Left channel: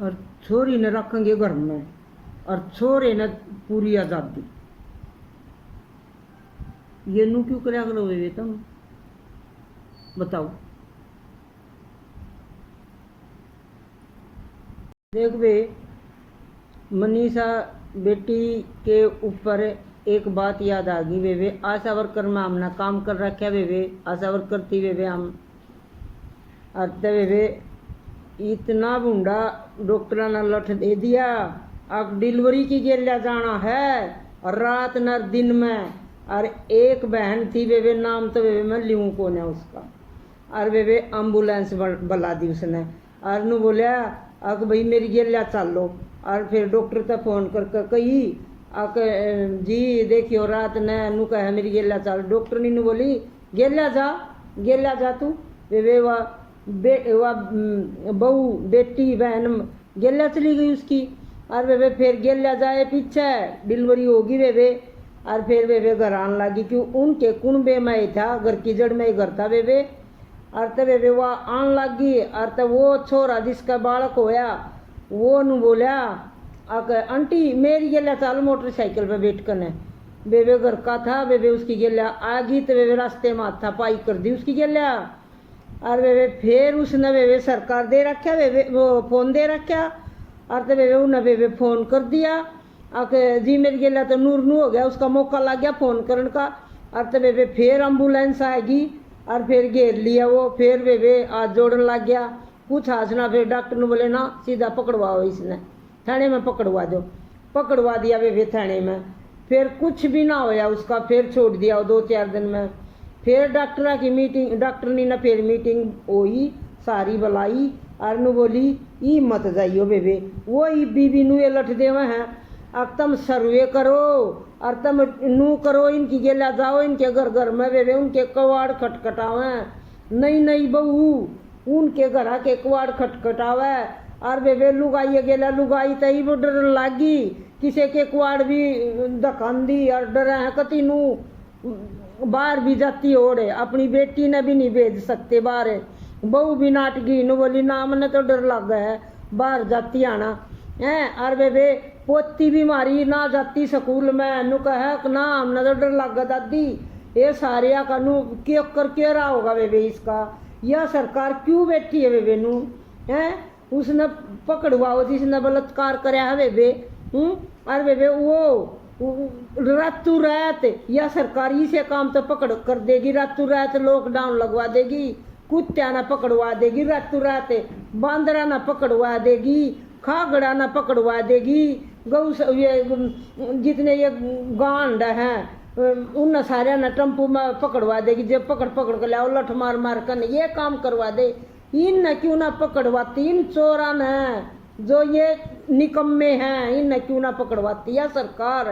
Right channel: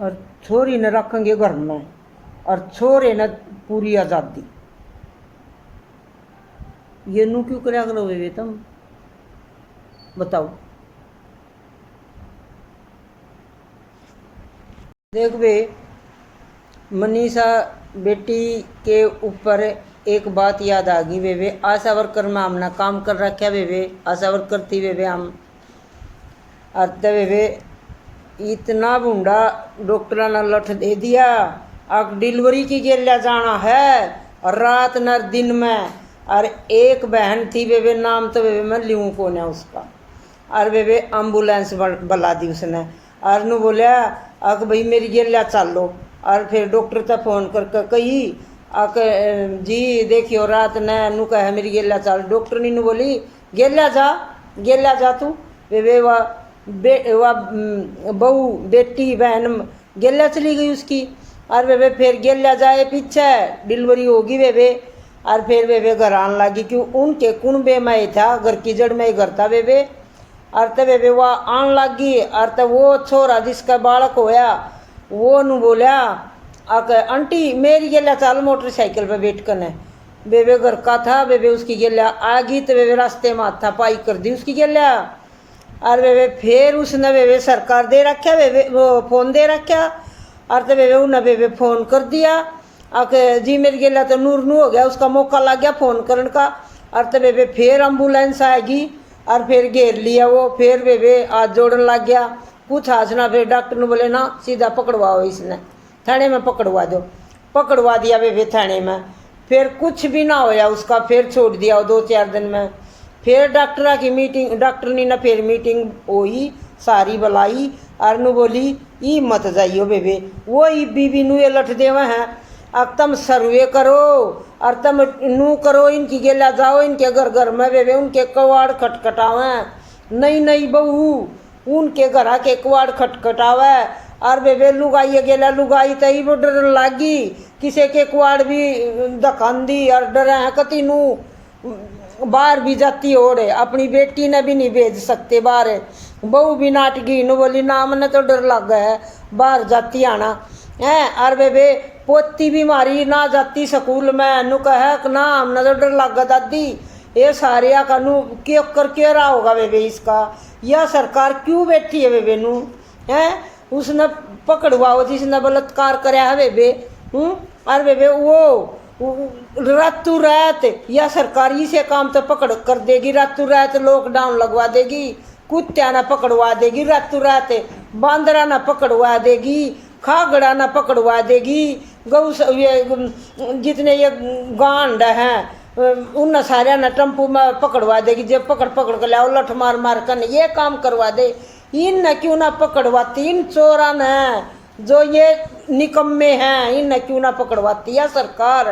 और छोरी ने रखेंगे घर में और छोरे ने पूरी आज़ादी। ये नू क्यों क्या करोगे तुम बताओ। देख बे मनीषा बेटी के ऊपर एक बात याद आ गई वे आशा वर्कर में हमने काम कर रखा वे आशा वर्कर थी वे हम अरते वे इतना बूढ़ा डॉक्टर ने लठ दे दिया अब डिलीवरी की गेलिया जाना है और रात न दिन में। और एक बहन थी वे नाम तो वे मैं लियूँ कौन है उसका और वे एम्बुलेंस बुला दी उसने और नू बोलिया आक भाई मेरी गेलिया चलो। और फिर डॉक्टर तक फ़ोन करके कही आक जी देखियो रात ने नू कहे मेरी गेलिया चल। डॉक्टर ने नू बोली गेलिया जा तू वे वाह बहू बेटी बहन गेलिया चली गई उसकी। और वे फिर गेलिया जाए पीछे डिलीवरी होगी वे और फिर वे घर आने लगी क्यों उनके कुनबे में था घर की जड़ में ही घर था वे और तब वे वह आने लगी। और तब वो छोरा जिसका बालक होया वो नू बोलिया आंटी मेरी गेलिया चल मोटरसाइकिल पे बैठ कर वे घर का था वे उसकी गेलिया आ गई तो वे रास्ते में हाथा पाई कर दी उसकी गेलिया। और वे फिर उसने वे सरकार दे रखा वे वो फ़ोन दे रखा और तो वे उन्हें वे फ़ोन कर दिया आके जी मेरी गेलिया तो नूर नू हो गया उसका मौका लग गया फ़ोन करने का। और तो वे फिर एम्बुलेंस आएगी और फिर घेर लिया वो फिर वे हाथ जोड़न लग गया कुछ हासना। फिर डॉक्टर ने बोले ना सीधा पकड़वाओ इसने थाने में पकड़वा दो पकड़वा दिया वे थाने में। फिर कुछ भी ना होया उसका फिर छोड़ दिया वो 2-4 दिन में। फिर डॉक्टर की मीटिंग डॉक्टर ने ना फिर मीटिंग हुई सारी बुलाई और नू बोली ई मत जाइयो वे वो ई बीबी नू ये लठ देवे हैं अब तुम सर्वे करो और तुम नू करो इनकी गेला जाओ इनके घर घर में वे उनके कवाड़ खटखटावे नहीं बहू उनके घर के कवाड़ खटखटावे। और वे लुगाई गेला लुगाई तई वो डर लागी किसी के कुआड़ भी दखान दी और डरे हैं कति नू बाहर भी जाती ओढ़े अपनी बेटी ने भी नहीं भेज सकते बाहर। बहू भी नाटगी नू बोली ना मैंने तो डर लग गया है बाहर जाती आना है। और वे पोती भी मारी ना जाती स्कूल में नू कह ना हमने तो डर लग गया दादी ये सारे का नू क्यों कर क्यों रहा होगा वे इसका यह सरकार क्यों बैठी है वे नू है उसने पकड़वाओ जिसने बलात्कार कराया है वे और वे वो रातों रात या सरकारी से काम तो पकड़ कर देगी रातों रात लॉकडाउन लगवा देगी कुत्त्या ना पकड़वा देगी रातों रात बांदरा ना पकड़वा देगी खागड़ा ना पकड़वा देगी गौ जितने ये गांड हैं उन सारे ना टम्पू में पकड़वा देगी जब पकड़ कर लाओ लठ मार मार कर ये काम करवा दे। इन न क्यों ना पकड़वाती इन चोरा न जो ये निकम्मे हैं इन न क्यों ना पकड़वाती है सरकार।